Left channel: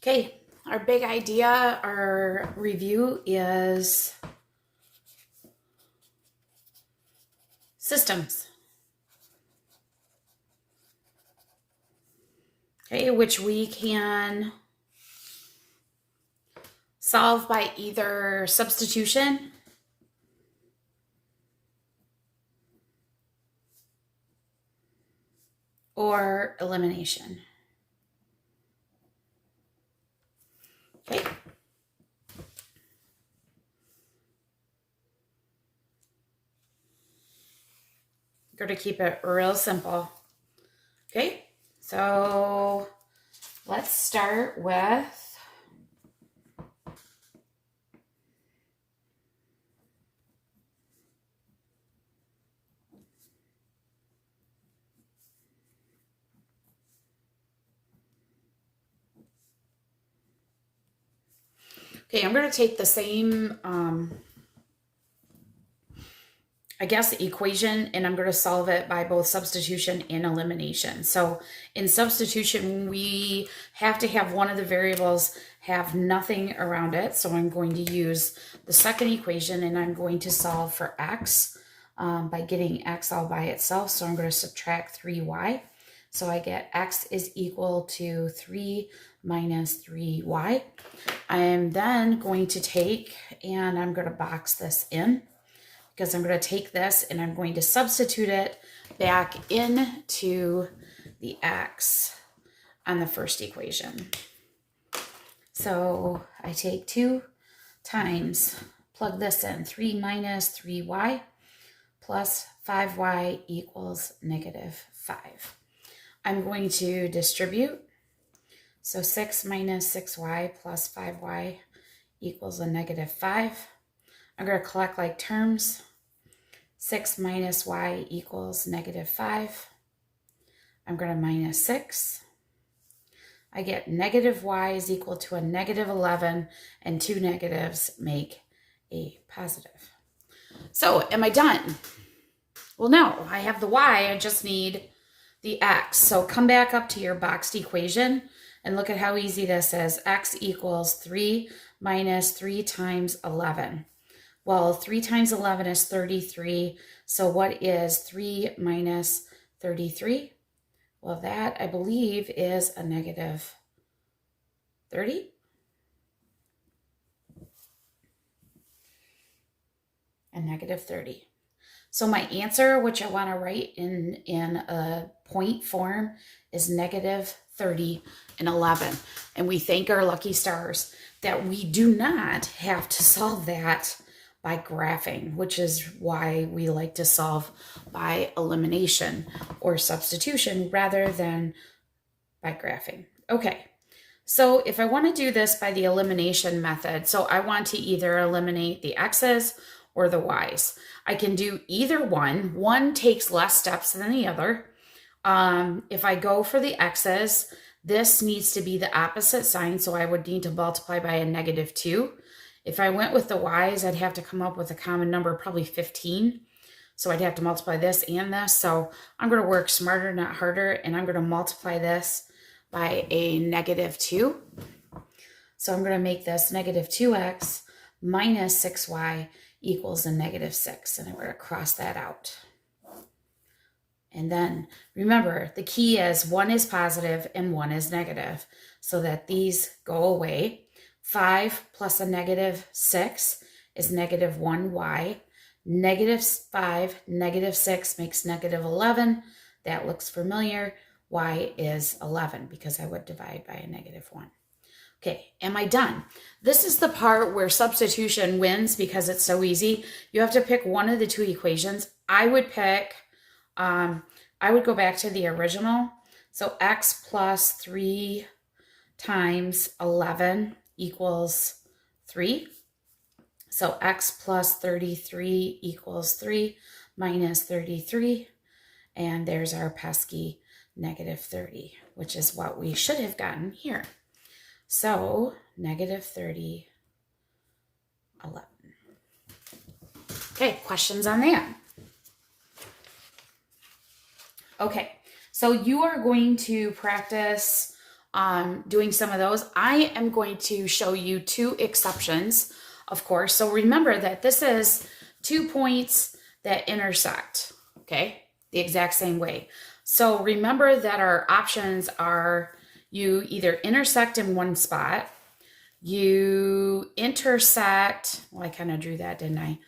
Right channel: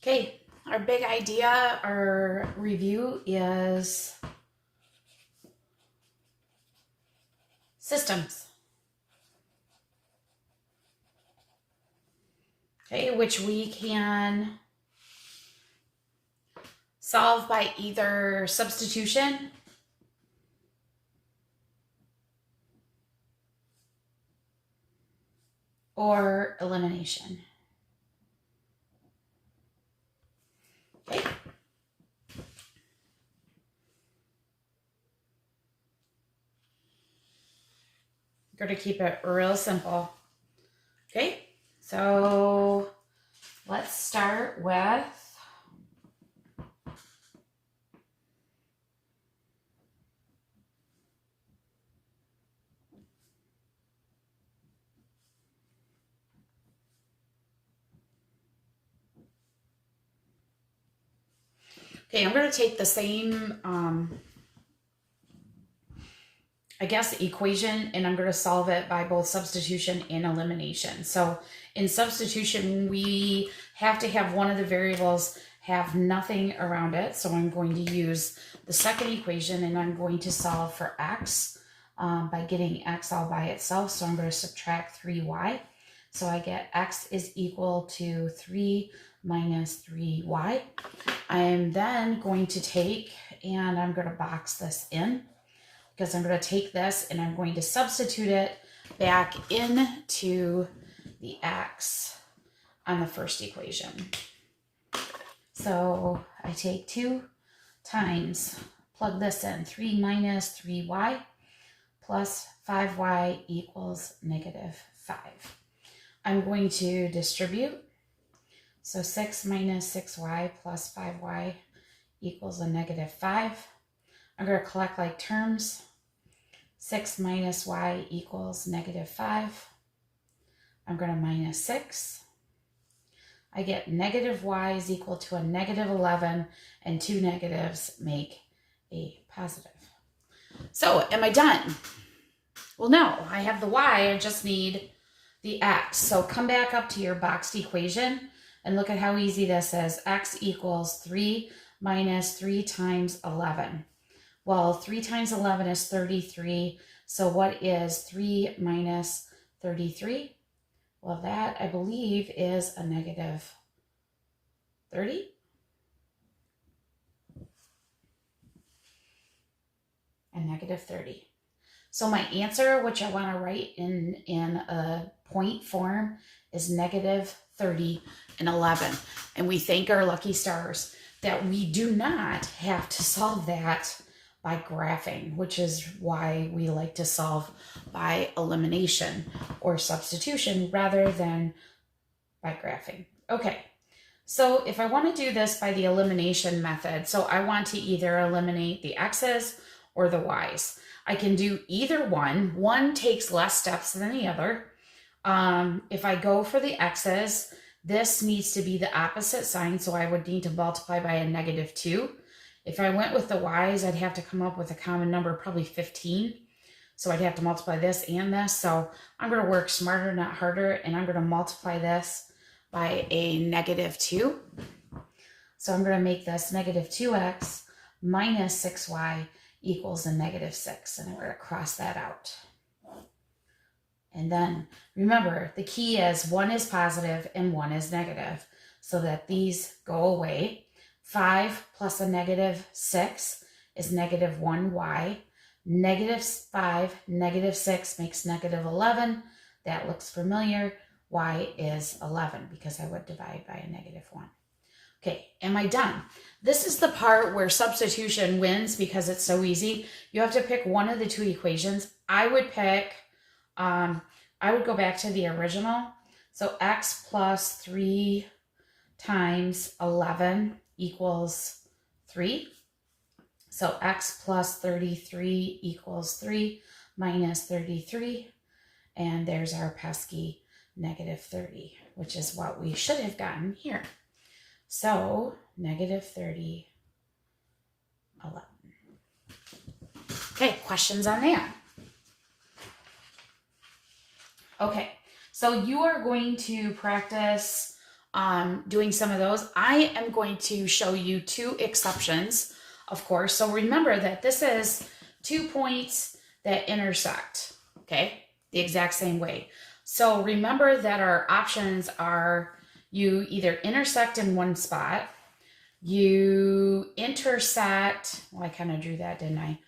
Okay, our big idea, our review is systems. Okay, which we can solve by either substitution or elimination. Okay. We're going to keep it real simple. Okay, so let's start with okay, I'm going to take the same, equation, and I'm going to solve it by both substitution and elimination. So in substitution, we have to have one of the variables have nothing around it. So I'm going to use the second equation, and I'm going to solve for x by getting x all by itself. So I'm going to subtract 3y. So I get x is equal to 3 minus 3y. I am then going to take, and I'm going to box this in, because I'm going to take this and I'm going to substitute it back into the x on the first equation. So I take 2 times, plug this in, 3 minus 3y plus 5y equals negative 5. I'm going to distribute. So 6 minus 6y plus 5y equals a negative 5. I'm going to collect like terms. 6 minus y equals negative 5. I'm going to minus 6. I get negative y is equal to a negative 11, and 2 negatives make a positive. So am I done? Well, no, I have the y, I just need the x. So come back up to your boxed equation and look at how easy this is. X equals 3 minus 3 times 11. Well, 3 times 11 is 33. So what is 3 minus 33? Well, that, I believe, is a negative 30. A negative 30. So my answer, which I want to write in a point form, is negative 30 and 11. And we thank our lucky stars that we do not have to solve that by graphing, which is why we like to solve by elimination or substitution rather than by graphing. Okay, so if I want to do this by the elimination method, so I want to either eliminate the x's or the y's. I can do either one. One takes less steps than the other. If I go for the x's, this needs to be the opposite sign, so I would need to multiply by a negative 2. If I went with the y's, I'd have to come up with a common number, probably 15. So I'd have to multiply this and this. So I'm going to work smarter, not harder, and I'm going to multiply this by a negative 2. So I'm going to make this negative 2x minus 6y equals a negative 6. And I'm going to cross that out. And then remember, the key is one is positive and one is negative, so that these go away. 5 plus a negative 6 is negative 1y. Negative 5, negative 6 makes negative 11. That looks familiar. Y is 11 because I would divide by a negative 1. Okay, am I done? This is the part where substitution wins because it's so easy. You have to pick one of the two equations. I would pick, I would go back to the original. So x plus 3 times 11 equals 3. So x plus 33 equals 3 minus 33. And there's our pesky negative 30, which is what we should have gotten here. So negative 30, 11. Okay, questions on that? Okay, so you are going to practice doing some of those. I am going to show you 2 exceptions, of course. So remember that this is 2 points that intersect, okay, the exact same way. So remember that our options are you either intersect in one spot, you intersect, well, I kind of drew that, didn't I?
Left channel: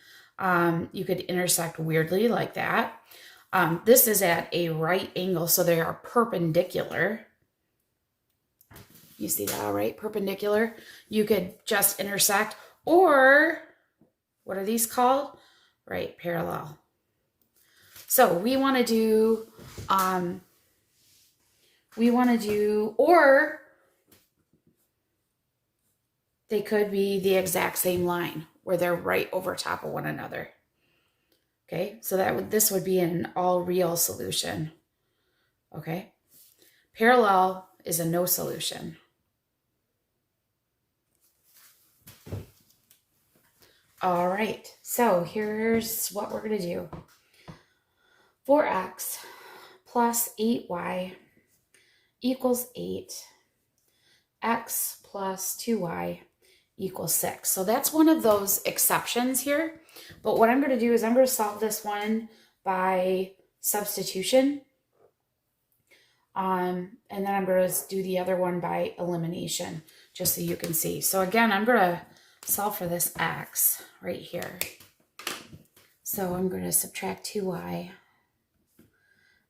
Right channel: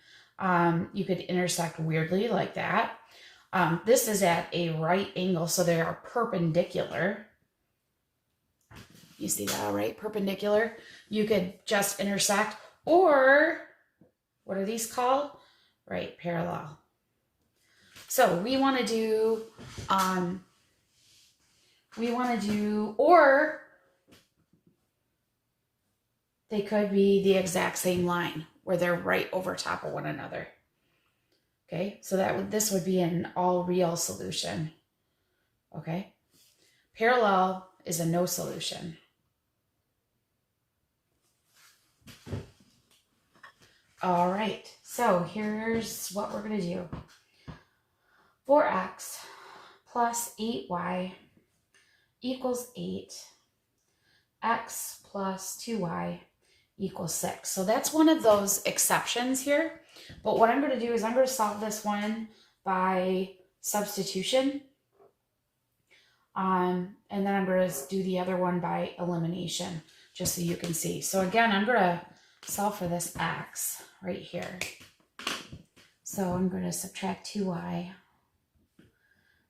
You could intersect weirdly like that. This is at a right angle, so they are perpendicular. You see that, all right? Perpendicular. You could just intersect, or what are these called? Right, parallel. So we want to do, or they could be the exact same line where they're right over top of one another. Okay, so this would be an all real solution. Okay, parallel is a no solution. All right, so here's what we're going to do. 4x plus 8y equals 8. X plus 2y equals 6. So that's one of those exceptions here. But what I'm going to do is I'm going to solve this one by substitution. And then I'm going to do the other one by elimination, just so you can see. So again, I'm going to solve for this x right here. So I'm going to subtract 2y.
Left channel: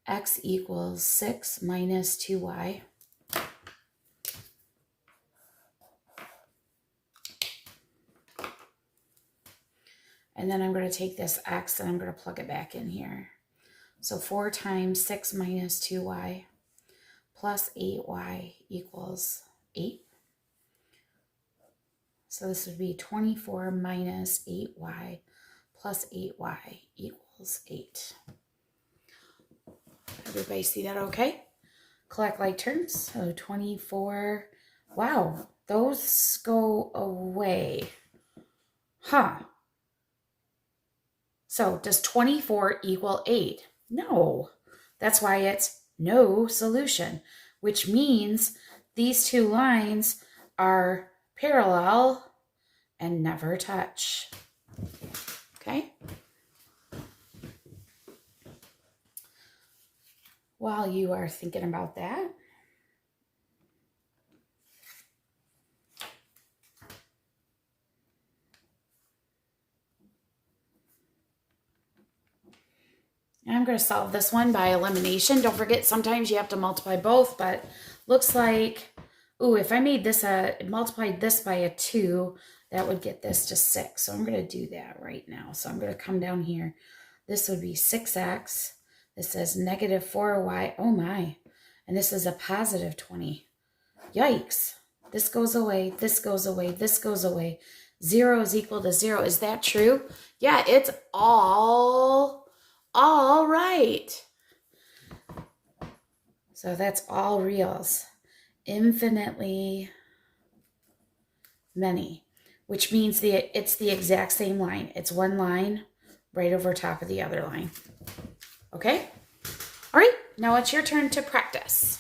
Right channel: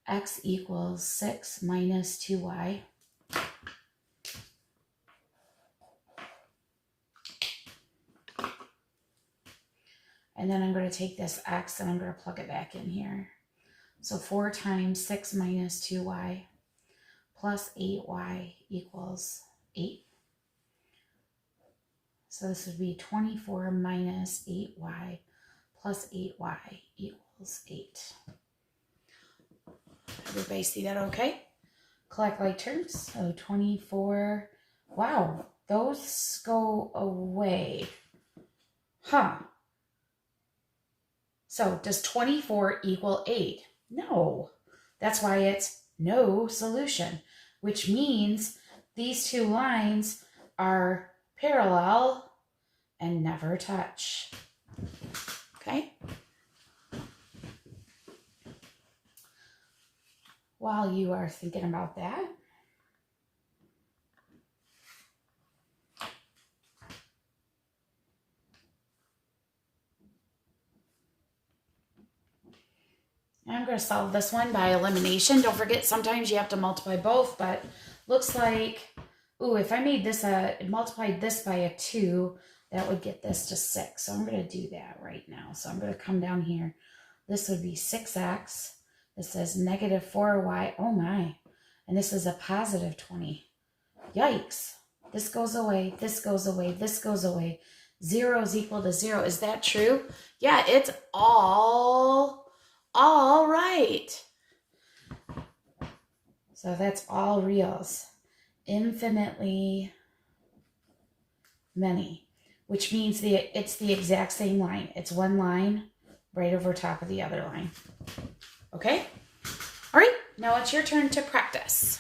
X equals 6 minus 2y. And then I'm going to take this x and I'm going to plug it back in here. So 4 times 6 minus 2y plus 8y equals 8. So this would be 24 minus 8y plus 8y equals 8. Everybody see that okay? Collect like terms. So 24. Wow, those go away. Huh. So does 24 equal 8? No. That's why it's no solution, which means these 2 lines are parallel and never touch. Okay? While you are thinking about that, I'm going to solve this one by elimination. Don't forget, sometimes you have to multiply both, but looks like, ooh, if I made this multiplied this by a 2, that would get this to 6. So I'm going to do that right now. So I'm going to come down here. This would be 6x. This says negative 4y. Oh my. And this is a positive 20. Yikes. This goes away. This goes away. This goes away. 0 is equal to 0. Is that true? Yeah, it's all right. So that's all reals. Infinitely many, which means it's the exact same line. It's one line right over top of the other line. Okay? All right, now it's your turn to practice.